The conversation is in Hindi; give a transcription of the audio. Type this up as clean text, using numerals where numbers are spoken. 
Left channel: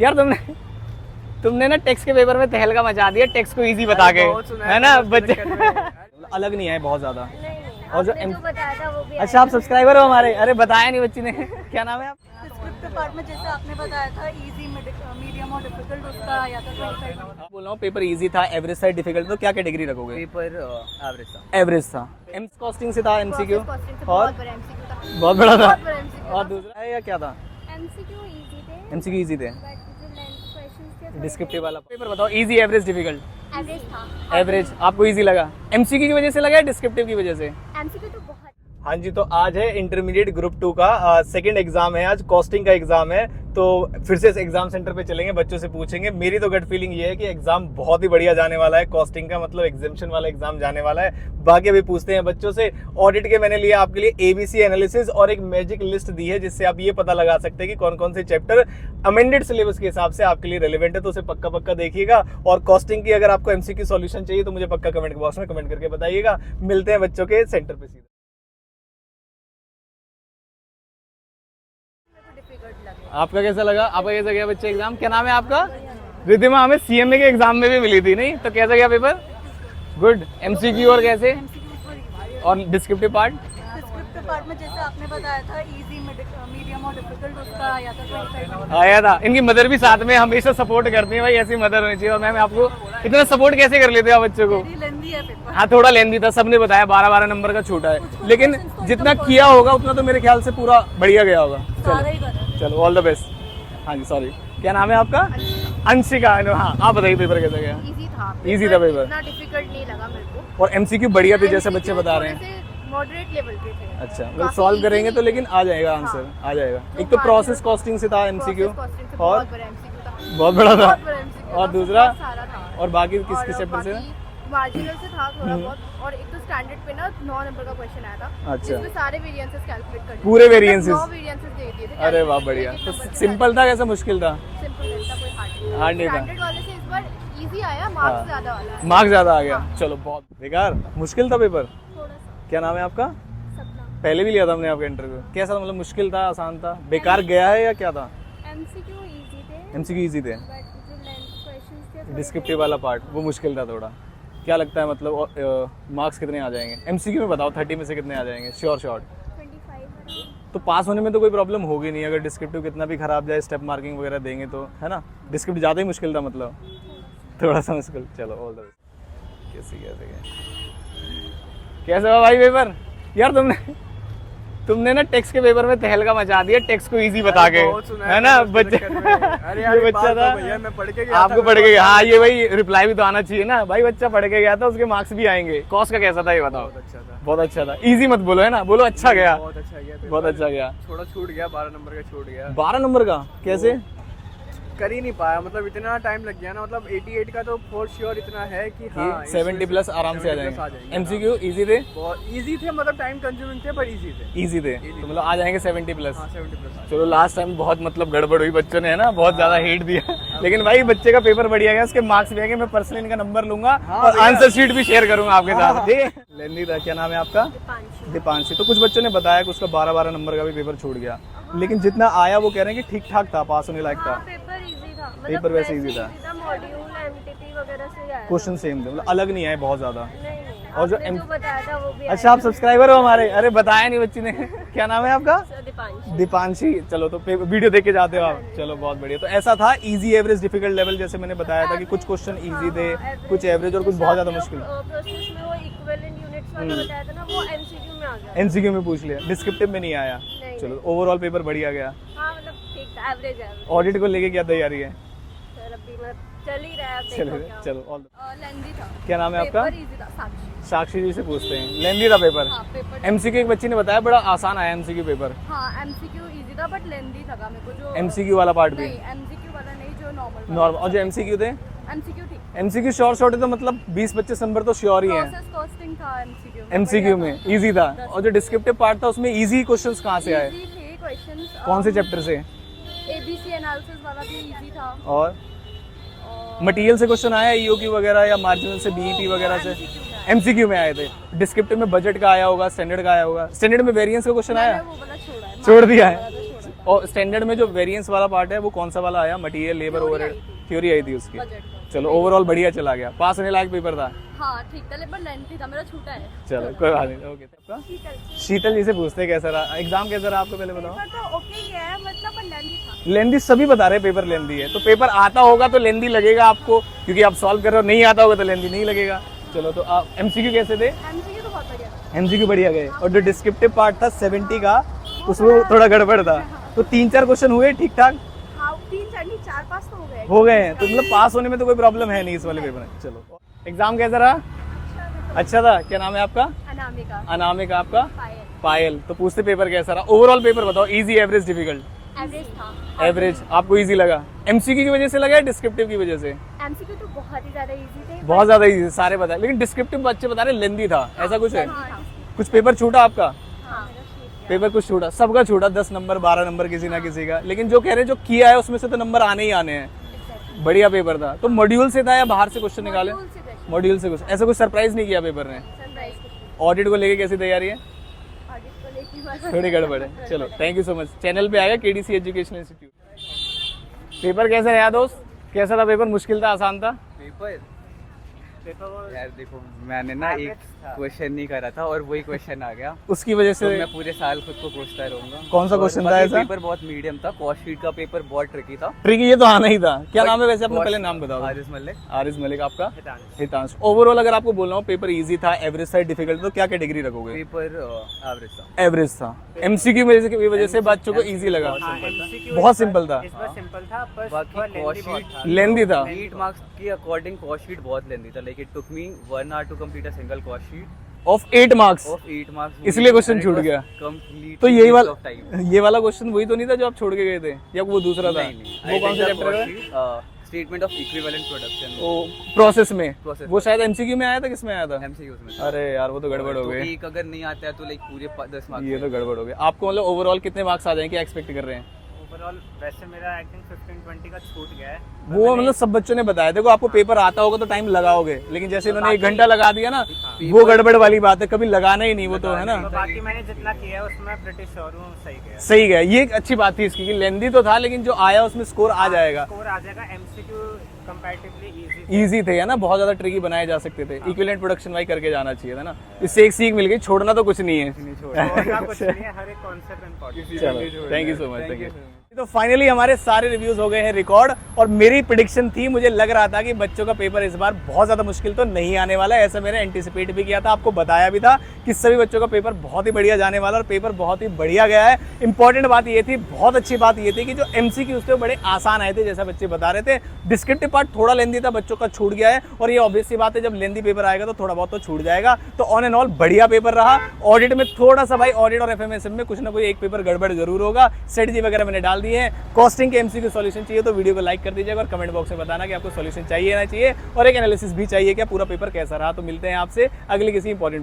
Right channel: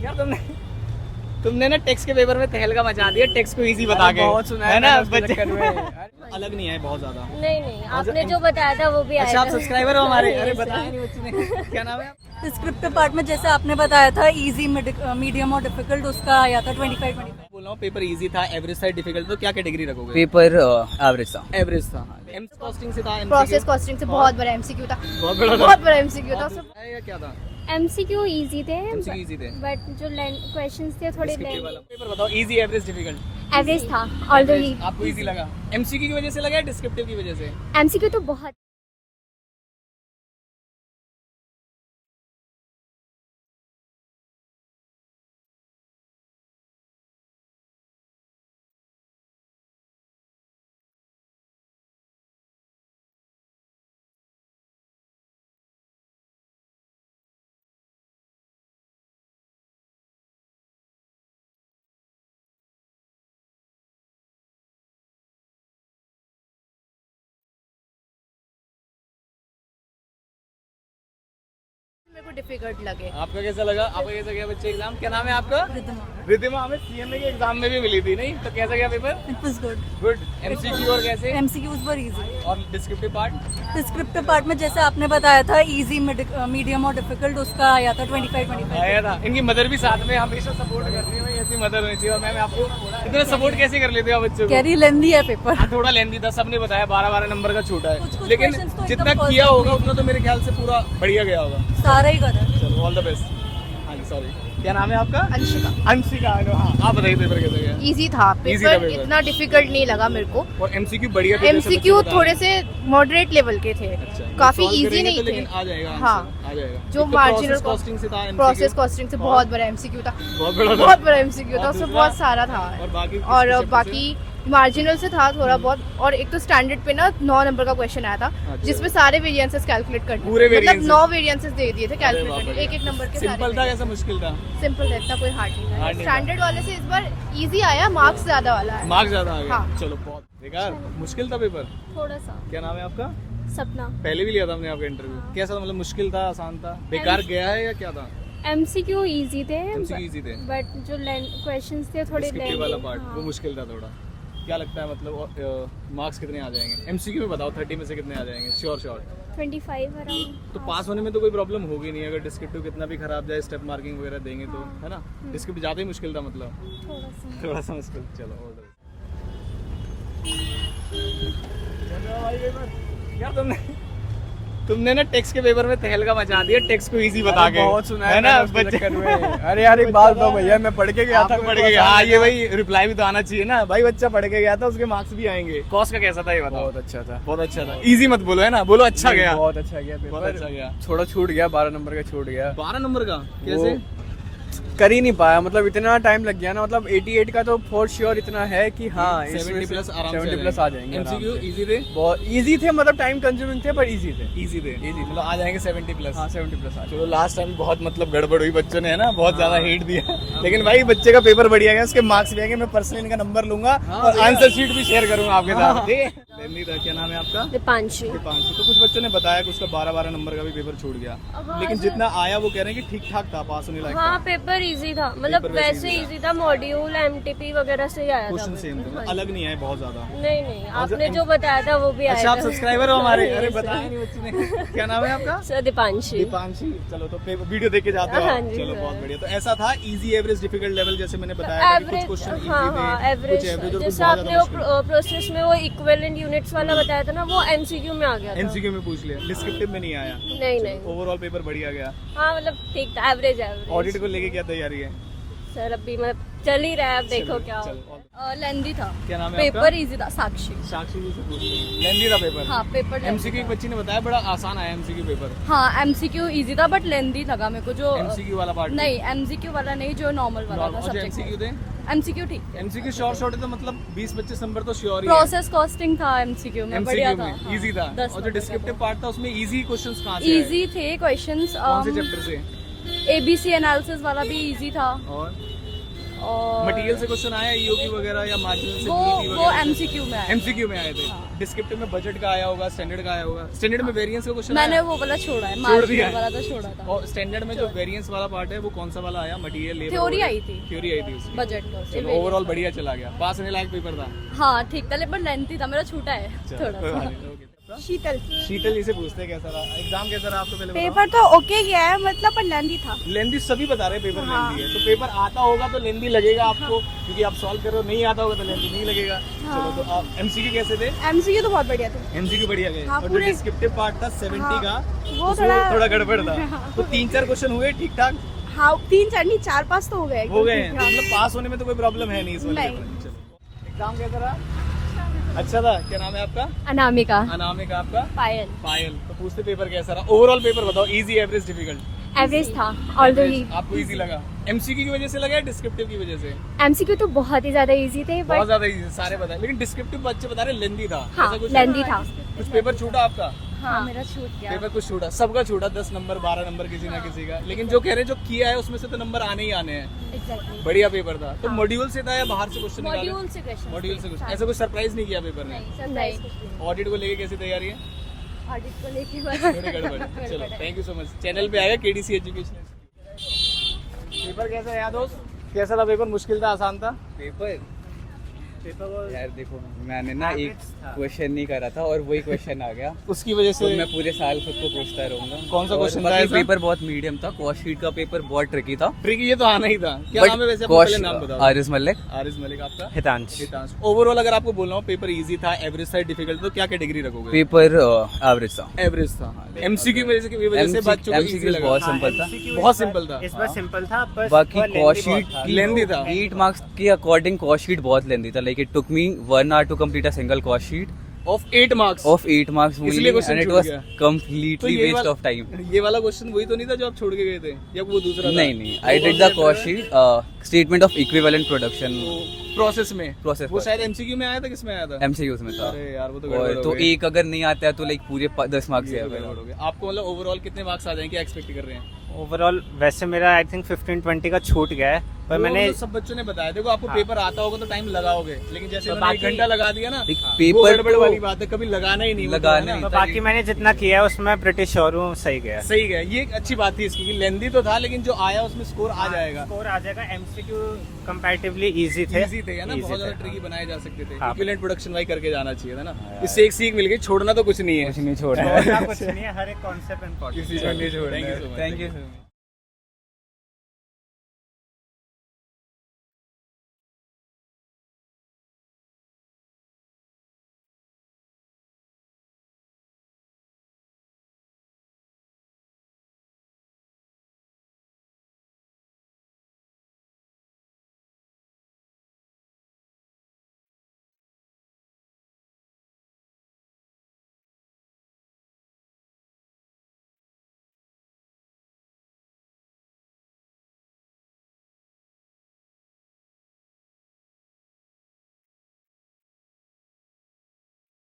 यार तुमने ना टेक्स्ट के पेपर में तहलका मचा दिया, टेक्स्ट को इजी बता के, है ना बच्चे अलग नहीं आए बहुत ज्यादा। नहीं आपने जो बताया था वो भी अच्छा, आप सब्सक्राइबर हो हमारे? अरे बताया नहीं बच्ची ने। क्या नाम है आप? डिस्क्रिप्टिव पार्ट में जैसे आपने बताया था इजी, मीडियम और डिफिकल्ट, उसका आया था 25। बोल रहा हूँ पेपर इजी था, एवरेज था, डिफिकल्ट, तो क्या कैटेगरी रखोगे? पेपर एवरेज था। एवरेज था। कॉस्टिंग से था, प्रोसेस कॉस्टिंग से बहुत बड़ा एमसीक्यू था, बहुत बड़ा था, बहुत बड़ा एमसीक्यू था। या क्या था? एमसीक्यू इजी थे, एमसीक्यू इजी थे, बट जो क्वेश्चंस थे थोड़े डिस्क्रिप्टिव वाला पेपर बताओ, इजी, एवरेज, डिफिकल्ट? एवरेज था। एवरेज आपको इजी लगा? एमसीक्यू की वजह से लगा या डिस्क्रिप्टिव की वजह से? एमसीक्यू तो बहुत। हाँ जी, तो आज है इंटरमीडिएट ग्रुप 2 का सेकंड एग्जाम है, आज कॉस्टिंग का एग्जाम है। तो फिर से एग्जाम सेंटर पे चलेंगे, बच्चों से पूछेंगे। मेरी तो गट फीलिंग ये है कि एग्जाम बहुत ही बढ़िया जाने वाला है, कॉस्टिंग का मतलब एग्जामिशन वाला एग्जाम जाने वाला है। बाकी अभी पूछते हैं बच्चों से। ऑडिट के मैंने लिया आपके लिए एबीसी एनालिसिस और एक मैजिक लिस्ट दी है, जिससे आप ये पता लगा सकते हैं कि कौन कौन से चैप्टर अमेंडेड सिलेबस के हिसाब से आपके लिए रेलेवेंट है, तो उसे पक्का पक्का देखिएगा। और कॉस्टिंग की अगर आपको एमसीक्यू सॉल्यूशन चाहिए तो मुझे पक्का कमेंट बॉक्स में कमेंट करके बताइएगा। मिलते हैं बच्चों के सेंटर पे सीधे। डिफिकल्ट लगे। आपका कैसा लगा? आपका कैसा गया बच्चे एग्जाम? क्या नाम है आपका? रिद्धिमा। हमें सीएमए के एग्जाम में भी मिली थी, नहीं तो कैसा गया paper? It was good. Good. MCQ और कैसे? MCQs were easy. और डिस्क्रिप्टिव पार्ट? डिस्क्रिप्टिव पार्ट में जैसे आपने बताया था इजी, मीडियम और डिफिकल्ट, उसका आया था 25। आया था। इनकी मदर भी साथ में हमेशा सपोर्ट करती है, भाई ऐसी मदर होनी चाहिए। और मैम आपको इतना सपोर्ट कैसे कर लेते हैं आप बच्चों को? कैरी लेंदी है पेपर। हाँ, थोड़ा लेंदी था, सबने बताया 12-12 नंबर का छूटा है, लेकिन जितना किया होगा उतना तो मेरे ख्याल से पूरा बढ़िया गया होगा। सारा ही करा। चलो, ऑल द बेस्ट। हाँ जी, सॉरी, क्या नाम है आपका? अंशिका। अंशिका। हाँ, आप बताइए पेपर कैसा गया? इजी था Easy था पेपर, पेपर। इतना डिफिकल्ट नहीं लगा मेरे को। और एमसीक्यू बढ़िया थे जैसे बच्चे एमसीक्यू बता रहे थोड़े हैं। से मॉडरेट लेवल के थे, अच्छा, काफी सॉल्व इजी करेंगे नहीं तो, लेकिन थे। आ जाएगा आंसर, हाँ। आ जाएगा। जो एक तो marginal प्रोसेस कॉस्टिंग से था एमसीक्यू, प्रोसेस कॉस्टिंग से बहुत बड़ा एमसीक्यू था, बहुत बड़ा था, बहुत बड़ा एमसीक्यू था, और उसमें दूसरा? बहुत सारा था। और बाकी किस और chapter से? बाकी मार्जिनल से था थोड़ा बहुत। और एक तो स्टैंडर्ड पे ना 9 नंबर का क्वेश्चन आया था, अच्छा। जिसमें सारे वेरिएंसेस कैलकुलेट कर पूरे variances? 9 वेरिएंसेस दे दिए थे अरे वाह, कैलकुलेट, बढ़िया। एक नंबर के। सिंपल था कैसा मुश्किल था? सिंपल था, इतना कोई हार्ड Hard नहीं नहीं था। स्टैंडर्ड वाले से इस बार इजी आया, मार्क्स ज्यादा वाला है। मार्क्स ज्यादा आ गया। हाँ। चलो, बहुत बेकार मुश्किल था पेपर। थोड़ा सा। क्या नाम है आपका? सपना। पहले भी लिया था हमने आपका इंटरव्यू, कैसा था? मतलब मुश्किल था, आसान था, बेकार गया है या क्या था? एमसीक्यू इजी थे, एमसीक्यू इजी थे, बट जो क्वेश्चंस थे थोड़े डिस्क्रिप्टिव वाला पार्ट वो मुश्किल था थोड़ा। क्या लगता है मतलब मार्क्स कितने आ जाएंगे? एमसीक्यू में बताओ, 30 में से कितने आ जाएंगे? Sure short 25 around. तो पास होने में तो कोई प्रॉब्लम होगी नहीं, अगर डिस्क्रिप्टिव कितना भी खराब जाए, स्टेप मार्किंग वगैरह देंगे तो, है ना? डिस्क्रिप्टिव ज़्यादा ही मुश्किल था मतलब, थोड़ा सा मुश्किल। चलो, ऑल द बेस्ट। कैसे हुआ भाई पेपर? यार तुमने ना टेक्स्ट के पेपर में तहलका मचा दिया, टेक्स्ट को इजी बता के, है ना बच्चे? अरे यार एक बात बताओ भैया, मैं पढ़ के गया आपको पढ़ के गया? हाँ, ये भाई रिप्लाई भी तो आना चाहिए ना भाई, बच्चा पढ़ के गया था, उसके मार्क्स भी आएंगे। कॉस्ट का कैसा था ये बताओ? बहुत अच्छा था, बहुत अच्छा था। इजी मत बोलो, है ना, बोलो अच्छा गया। बहुत अच्छा गया, बहुत अच्छा गया। थोड़ा छूट गया, 12 नंबर का छूट गया। 12 नंबर का कैसे? कर ही नहीं पाया, मतलब इतना टाइम लग गया ना। मतलब 88 का तो फॉर श्योर इतना है कि हाँ 70 प्लस आराम से आ 70 प्लस जाएंगे। एमसीक्यू इजी थे, बहुत इजी थे, मतलब टाइम कंज्यूमिंग थे पर इजी थे। इजी थे, मतलब आ जाएंगे 70 प्लस। हाँ 70 प्लस आ चलो, लास्ट टाइम बहुत मतलब गड़बड़ हुई, बच्चों ने, है ना, बहुत ज्यादा हेट दिया, लेकिन भाई बच्चे का पेपर बढ़िया गया, उसके मार्क्स भी आएंगे। मैं पर्सनली इनका नंबर लूंगा और आंसर शीट भी शेयर करूंगा आपके साथ, ठीक है? लेंदी था। क्या नाम है आपका? दीपांशी। दीपांशी। तो कुछ बच्चों ने बताया कि उसका 12-12 नंबर का भी पेपर छूट गया, लेकिन जितना आया वो कह रहे हैं कि ठीक ठाक था, पास होने लायक हाँ, था। पेपर इजी था, मतलब पेपर वैसे वैसे easy इजी था, मॉड्यूल एमटीपी वगैरह से ही आया था। क्वेश्चन सेम थे, मतलब अलग नहीं आए बहुत ज्यादा। नहीं और जो आपने जो बताया था वो भी आया अच्छा, आप था। सब्सक्राइबर हो हमारे? अरे बताया नहीं बच्ची ने। क्या नाम है आपका? सर दीपांशी। दीपांशी। चलो, तो वीडियो देख के जाते हो हाँ आप? जी, चलो, हाँ। बहुत बढ़िया। तो ऐसा था इजी, एवरेज, डिफिकल्ट लेवल, जैसे मैंने बताया था कि कुछ क्वेश्चन इजी थे, कुछ एवरेज और कुछ बहुत ज्यादा मुश्किल। प्रोसेस में वो इक्विवेलेंट यूनिट्स वाला बताया था ना, वो एमसीक्यू में आ गया था। एमसीक्यू में पूछ लिया, डिस्क्रिप्टिव में नहीं आया। नहीं ओवरऑल पेपर बढ़िया गया। हाँ, मतलब ठीक था, एवरेज है। ऑडिट को लेके क्या तैयारी है? सर अभी मैं चल ही रहा है, अब देखो क्या चलो, all- लेंदी था, क्या नाम है आपका? पेपर इजी था। साक्षी। साक्षी जी से पूछते हैं। लेंदी था पेपर? हाँ, पेपर एमसीक्यू एक बच्ची ने बताया बड़ा आसान आया एमसीक्यू पेपर। हाँ, एमसीक्यू इजी था बट लेंदी लगा मेरे को। जो एमसीक्यू वाला पार्ट नहीं, एमसीक्यू वाला नहीं, जो नॉर्मल वाला नॉर्मल। और जो एमसीक्यू थे, एमसीक्यू ठीक। एमसीक्यू शॉर्ट है तो मतलब 20-25 नंबर तो श्योर ही है। प्रोसेस कॉस्टिंग था एमसीक्यू में, एमसीक्यू बढ़िया में था। इजी था। 10 और जो डिस्क्रिप्टिव पार्ट था उसमें इजी क्वेश्चंस कहाँ से आए? इजी थे क्वेश्चंस। कौन से चैप्टर से? एबीसी एनालिसिस वाला भी इजी था। और और मटेरियल से क्वेश्चन आया ईओक्यू वगैरह या मार्जिनल से बीईपी वो वगैरह से? एमसीक्यू में आया। एमसीक्यू में आए थे। डिस्क्रिप्टिव में बजट का आया होगा, स्टैंडर्ड का आया होगा। स्टैंडर्ड में वेरिएंस का क्वेश्चन मैंने आया वो वाला छोड़ा है, छोड़ दिया है। वाला तो छोड़ा था। और स्टैंडर्ड में जो वेरिएंस वाला पार्ट है वो कौन सा वाला आया? मटेरियल लेबर थ्योरी आई थी, थ्योरी आई थी उसकी। बजट का। चलो ओवरऑल बढ़िया चला गया, पास होने लायक पेपर था। हाँ ठीक था, लेकिन लेंथी था, मेरा छूटा है चलो थोड़ा। कोई बात नहीं। ओके शीतल, शीतल जी से पूछते हैं कैसा रहा एग्जाम, कैसा रहा आपको? पहले पेपर तो ओके गया है, मतलब पर लेंथी था। लेंदी सभी बता रहे हैं पेपर लेंदी है, तो पेपर आता होगा तो लेंदी लगेगा आपको, क्योंकि आप सॉल्व कर रहे हो। नहीं आता होगा तो लेंदी नहीं लगेगा। चलो तो आप एमसीक्यू कैसे थे? एमसीक्यू तो बहुत बढ़िया थे। एमसीक्यू बढ़िया गए। हाँ, और जो पूरे- डिस्क्रिप्टिव पार्ट था 70 का, वो उसमें थोड़ा गड़बड़ था। तो 3-4 क्वेश्चन हुए ठीक ठाक हाँ 3-4 नहीं 4-5 तो हो गए। हो गए हैं, तो मतलब पास होने में तो कोई प्रॉब्लम है नहीं इस वाले नहीं। पेपर में। चलो एग्जाम कैसा रहा? अच्छा था। क्या नाम है आपका? अनामिका। अनामिका। आपका? पायल। पायल। तो पूछते पेपर कैसा रहा? ओवरऑल पेपर बताओ, इजी, एवरेज, डिफिकल्ट? एवरेज था। और एवरेज आपको इजी लगा? एमसीक्यू की वजह से लगा या डिस्क्रिप्टिव की वजह से? एमसीक्यू तो बहुत ही ज्यादा इजी थे। बहुत ज्यादा इजी सारे बताए, लेकिन डिस्क्रिप्टिव बच्चे बता रहे लेंदी था। ऐसा कुछ है? लेंथी था। कुछ पेपर छूटा आपका? हाँ मेरा छूट गया। पेपर कुछ छूटा, सबका छूटा, 10 नंबर 12 नंबर किसी ना किसी का। लेकिन जो कह रहे हैं जो किया है उसमें से तो नंबर आने ही आने हैं। Exactly. बढ़िया पेपर था। तो मॉड्यूल से था या बाहर से क्वेश्चन निकाले? मॉड्यूल से क्वेश्चन। मॉड्यूल से कुछ ऐसा कुछ सरप्राइज नहीं किया पेपर ने? नहीं। ऑडिट को लेके कैसी तैयारी है? ऑडिट को लेके बस। थोड़ी गड़बड़ है। चलो thank you so much. Channel पे आया केडीसी एजुकेशन इंस्टीट्यूट। पेपर कैसा रहा दोस्त? कैसा था पेपर? मुश्किल था, आसान था? पेपर यार देखो, मैंने ना एक क्वेश्चन नहीं करा था और वही क्वेश्चन आ गया, उसकी वजह तो से मैं पूरे साल खुद को कोसता रहूंगा। कौन सा और question था बाकी ऐसा? पेपर बहुत मीडियम था, कॉस्ट शीट का पेपर बहुत ट्रिकी था। ट्रिकी, ये तो आना ही था। क्या नाम है वैसे आपका? पहले नाम बताओ। आरिस मलिक। आरिस मलिक। आपका? हितांश। हितांश। ओवरऑल अगर आपको बोलना हो पेपर इजी था, एवरेज था, डिफिकल्ट, तो क्या कैटेगरी रखोगे? पेपर एवरेज था। एवरेज था। एमसीक्यू की वजह से बच्चों को इजी लगा? बहुत सिंपल था। बहुत सिंपल था। इस बार सिंपल था, बस बाकी थोड़ा कॉस्ट lengthy शीट बहुत लेंदी था। 8 मार्क्स के अकॉर्डिंग कॉस्ट शीट बहुत लेंदी था। Like it took me 1 hour to complete a single cost sheet of 8 marks. Of 8 marks, इसलिए question छूट गया। कंप्लीटली तो यही वेस्ट वाला ऑफ टाइम। ये वाला क्वेश्चन वही तो नहीं था जो आप छोड़ के गए थे, या वो दूसरा था? नहीं, I did the cost sheet, statement of equivalent production process में। Process वो में। शायद एमसीक्यू में आया था, किसमें आया था? एमसीक्यूज में था। अरे यार वो तो गड़बड़ हो तो गई। एक अगर नहीं आता है तो लाइक पूरे 10 मार्क्स ये तो गड़बड़ हो गई। आपको मतलब ओवरऑल कितने मार्क्स आ जाएंगे, क्या एक्सपेक्ट कर रहे हैं? ओवरऑल वैसे मेरा आई थिंक 15-20 का छूट गया है, पर वो मैंने मतलब सब बच्चों ने बताया, देखो आपको पेपर आता होगा तो टाइम लगाओगे, लेकिन जैसे इन्होंने 1 बाकी- घंटा लगा दिया ना, एक वो पेपर गड़बड़ तो- वाली बात है, कभी लगाना ही नहीं, वो तो है लगाना ना। ही बाकी मैंने जितना किया है उसमें ब्रिटिश श्योर हूँ सही गया। सही गया, ये एक अच्छी बात थी इसकी कि लेंदी तो था लेकिन जो आया उसमें स्कोर आ जाएगा। स्कोर आ जाएगा। एमसीक्यू कंपैरेटिवली इजी थे। इजी थे, है ना? Easy बहुत ज्यादा थे। ट्रिकी बनाए जा सकते थे। हाँ। इक्विवेलेंट प्रोडक्शन वाई करके जाना चाहिए था ना। इससे एक सीख मिल गई, छोड़ना तो कुछ नहीं है। नहीं छोड़ और कुछ नहीं है, हर एक concept important. Thank you so much. Thank you. तो फाइनली हमारे सारे रिव्यूज हो गए हैं रिकॉर्ड, और मेरी प्रिडिक्शन थी, मुझे लग रहा था कि बच्चों का पेपर इस बार बहुत ज्यादा मुश्किल तो नहीं आने वाला है। ऐसा मैंने एंटिसिपेट भी किया था, आपको बताया भी था कि सभी बच्चों का पेपर बहुत ही बढ़िया जाने वाला, और पेपर बहुत ही बढ़िया गया है। इंपॉर्टेंट बात ये थी, बहुत अच्छी बात ये थी कि जो एमसीक्यूज थे वो बड़े आसान आए थे, जैसा बच्चे बता रहे थे। डिस्क्रिप्टिव पार्ट थोड़ा लेंदी था, बच्चों का छूट गया है, और ये ऑब्वियस सी बात है, जब लेंदी पेपर आएगा तो थोड़ा बहुत तो छूट जाएगा। तो ऑन एंड ऑल बढ़िया पेपर रहा। ऑडिट में थोड़ा सा भाई, ऑडिट और एफएमएसएम में कुछ ना कोई एक पेपर गड़बड़ जरूर होगा। स्ट्रेटजी वगैरह मैंने डाल दिए हैं। कॉस्टिंग के एमसीक्यू सॉल्यूशन चाहिए तो वीडियो को लाइक कर दीजिएगा, और कमेंट बॉक्स में बताना कि आपको सॉल्यूशन चाहिए ना चाहिए, और एक एनालिसिस भी चाहिए क्या, पूरा पेपर कैसा रहा। तो मिलते हैं आपसे अगले किसी इंपॉर्टेंट